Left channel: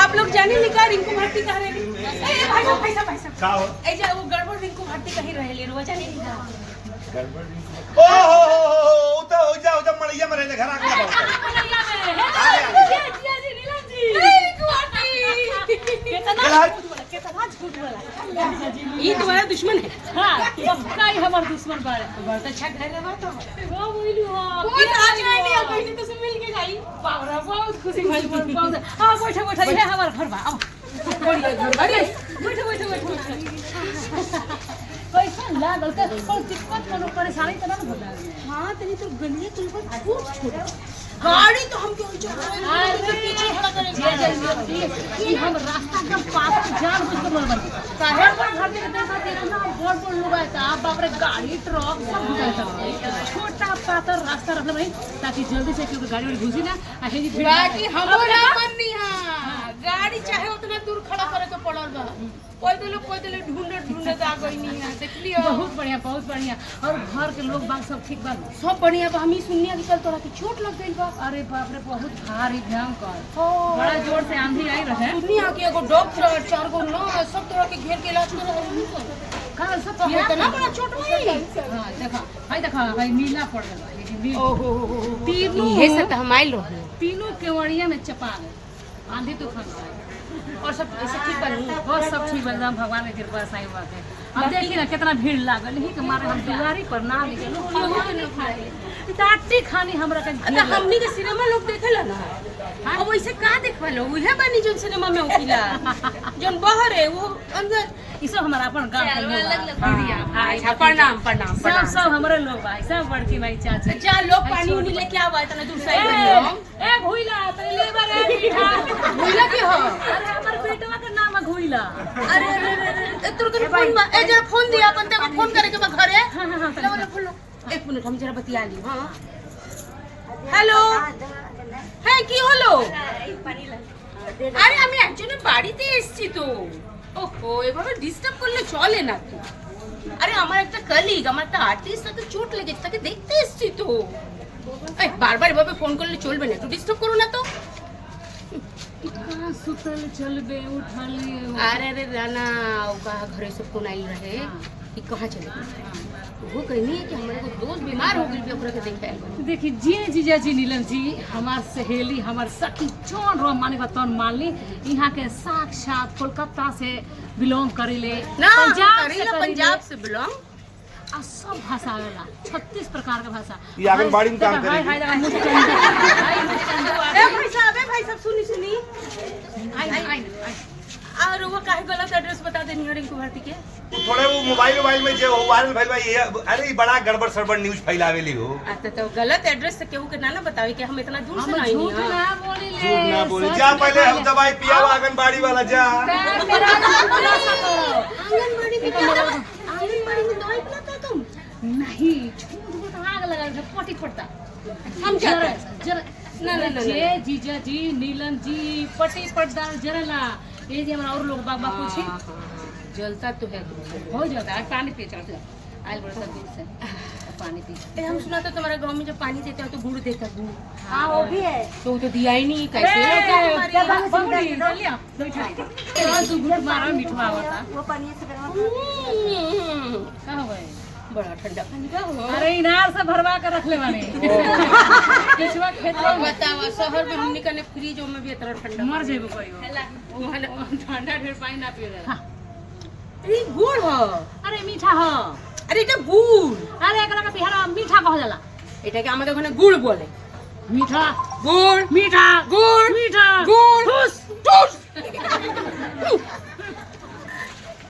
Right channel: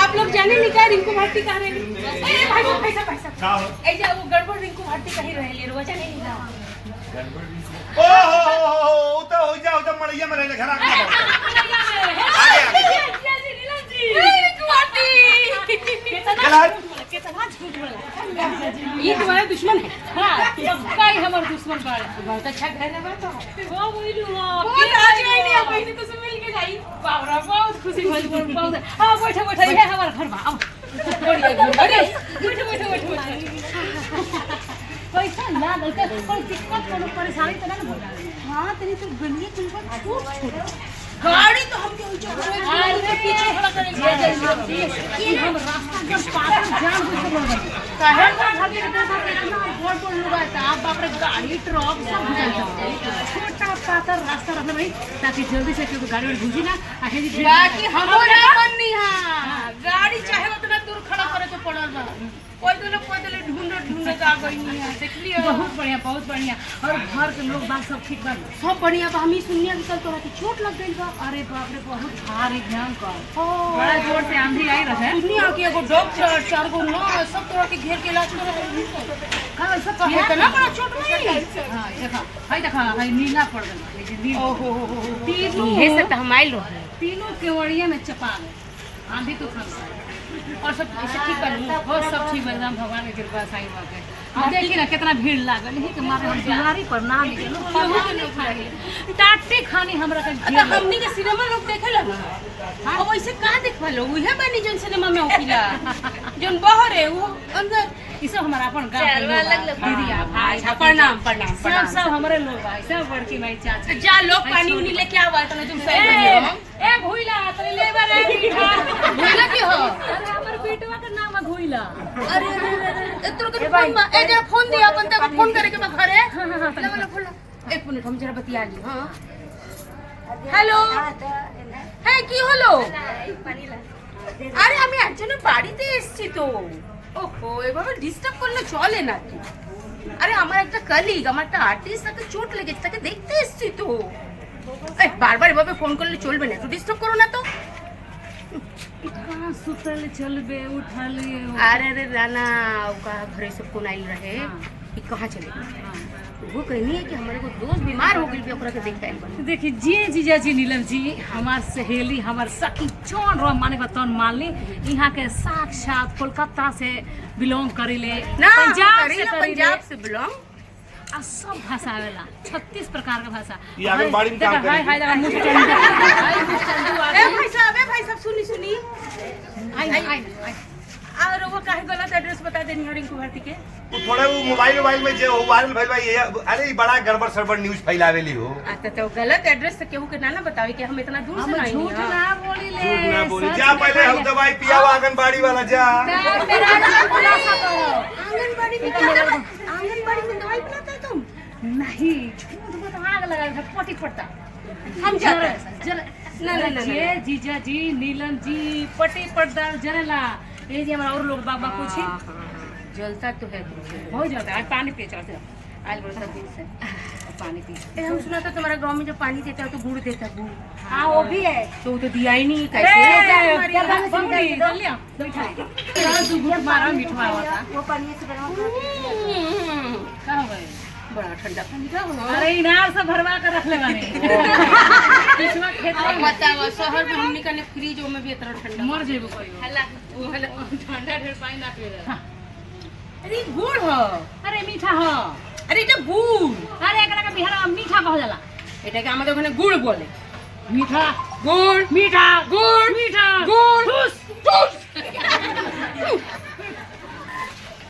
आप लोग जाने लिखा रिंकू भारती कहाँ रहे? भाई साहब ऐसा वो गड़बड़ रिंकू भारती कहीं रहे ले रोजा नहीं लिखा। ओ तो हो जाओ तो मरिया मरे घर आ गया कितना झूठ बोला ये तुम्हारा दुश्मन है। हाँ पक्का ही हमारा दुश्मन बहुत अच्छा घर है तो वो बोलू हां बहुत आज नहीं है कोई तो सब मिल के जाई बावरा बहुत खुशी भइल बहुत। हां बैठो ये हमारा घर बा आओ अरे बैठो कैसा लागल का कोई दिक्कत कोनो परेशानी तो ना होला। हां तेरी तो गलिए चलकर छोट गाड़ी तो हम क्यों चल रहे हैं अरे पीछे खड़ा करेंगे कि हम रास्ता जब पास जान बुझ के बोलबे काहे पर खातिर देखा के इतना बोल लोग आता आप बाप रे गाड़ी ट्रक सब घुसा छोटा पातर रास्ता रखले भाई ताकि जल्दी से क्योंकि गाड़ी में घुसी ना आखिर बाकी हम ना बननी हां गाड़ी चाहे उतना दूर खड़ा करे तो पड़ल बा कोई तो ढूंढे जा गई नहीं है देख लियो बहुत बढ़िया और घर के लोग बात सब ठीक बा सब बढ़िया बा। हम ही सुनिया कि कल तोरा की चोट लग गई बा। अरे बाप रे बहुत भारी भयंकर बड़ा जोर से आंधी आई रहे दुनिया के एगो डॉक्टर 4 गो ना सब तोरा के घेर के इलाज करे कल सब इतना बड़ा चोट नहीं। हां देखा भाई नीला पड़ गई ओहो तीनों ये सब हम आइल रहे तीनों केवड़िया में चपा गए आंधी तूफान से और सब ऐसे ठीक बन बहुत सब ठीक एकदम भगवान की कृपा साईं बाबा के। अब देखिए ना कितना भीड़ लागल ही के मारे हम जिलारी पर नाम लिखल केहू के लोग खाए टाटी खानी हमरा के घेर हमनी के सिनेमा लोग देखेला ना अब वैसे का देखवालो उहे बनी जन सिनेमा में होकिला जन बाहर है वो अंदर ई सब हमारा अपन गांव के लोग दीदी भाई प्रणाम सब हमारे लोग भाई सब बड़की भाई चाची जा लोग पानी उनी लेके आवा तने दूर से ए भूइला तने लेबा रे भूइला की हो अरे हमर बेटवा के नाम है घोइला। अरे तोर के फोन बा ए जरा फोन दिया अपन ते फोन करे के बा घरे। हां लो फोन लो 1 मिनट हम जरा बतिया ली। हां हेलो है কি হলো আরে আমি একজনের বাড়িতে এসেছি তো ওহো এভাবে ডিস্টার্ব করলে চলে না তো। আরে আমার একটা কলিগ আমার একটা আর্টিস্ট তাকে চোট লেগেছে তাকে দেখতে এসেছি তো এই বারবার এভাবে ফোন করলে চলবে না একটু ডিস্টার্ব করো না তো। कहाँ सुतल चलबे उठा लिए अरे राना कहा घरे सब को नहीं रहे कि कहाँ चले गए वो कहनी है कि हमारे को दोस्त बीमार हो गई ओकरा के देख आइल। देखिए जी जीजा जी नीलम जी हमार सहेली हमार सखी चोन रो माने का तन मान ली यहाँ के साक्षात कोलकाता से बिलोंग करेले पंजाब से बिलोंग आ सब भाषा आवेला 36 प्रकार का भाषा ये आंगनबाड़ी में काम करे हाय ए भाई साहब सुनी आई और वो काहे गलत एड्रेस बता देनी है रिंकू भारती के थोड़ा वो मोबाइल में जो वायरल भइल बा ये अरे ई बड़ा गड़बड़ सड़बड़ न्यूज़ फैलावेली हो। अच्छा तो गलत एड्रेस से केहू के ना बतावे कि हम इतना दूर से नहीं झूठ ना बोली ले जा पहले हम दवाई पिया आंगनबाड़ी वाला जा आंगनबाड़ी में दवाई पिलाता है तुम नहीं झूठ मत आग लगा है पटी पड़ता हम जरा ना जे जीजा जी नीलम जी पटी पड़ता जरेला ये जी हमारा और लोग बाबा पूछी जलता तो है हो जाता है पानी पी चलते आयल बड़ा दिन से पानी पी। हम सुना था तुम्हारे गांव में जब पानी देता है तो गुड़ देता है गुड़। हाँ वो भी है तो तो दिया ही नहीं कैसे मारा मीठा होता वो पानी से कहाँ हुए बड़ा ठंडा पानी का हो। अरे इनार से भरवा कर रख ले माने पिछवा खेत में बताओ शहर में हमनी का फ्रिज में भी इतना ठंडा मर जेबो कोई ठंडा ढेर पानी ना पिएगा। अरे गुड़ हो अरे मीठा हो अरे এটা গুড় अरे एकरा के बिहार मीठा कह जाला এটাকে আমাদের ওখানে গুড় বলে मीठा গুড় मीठा গুড়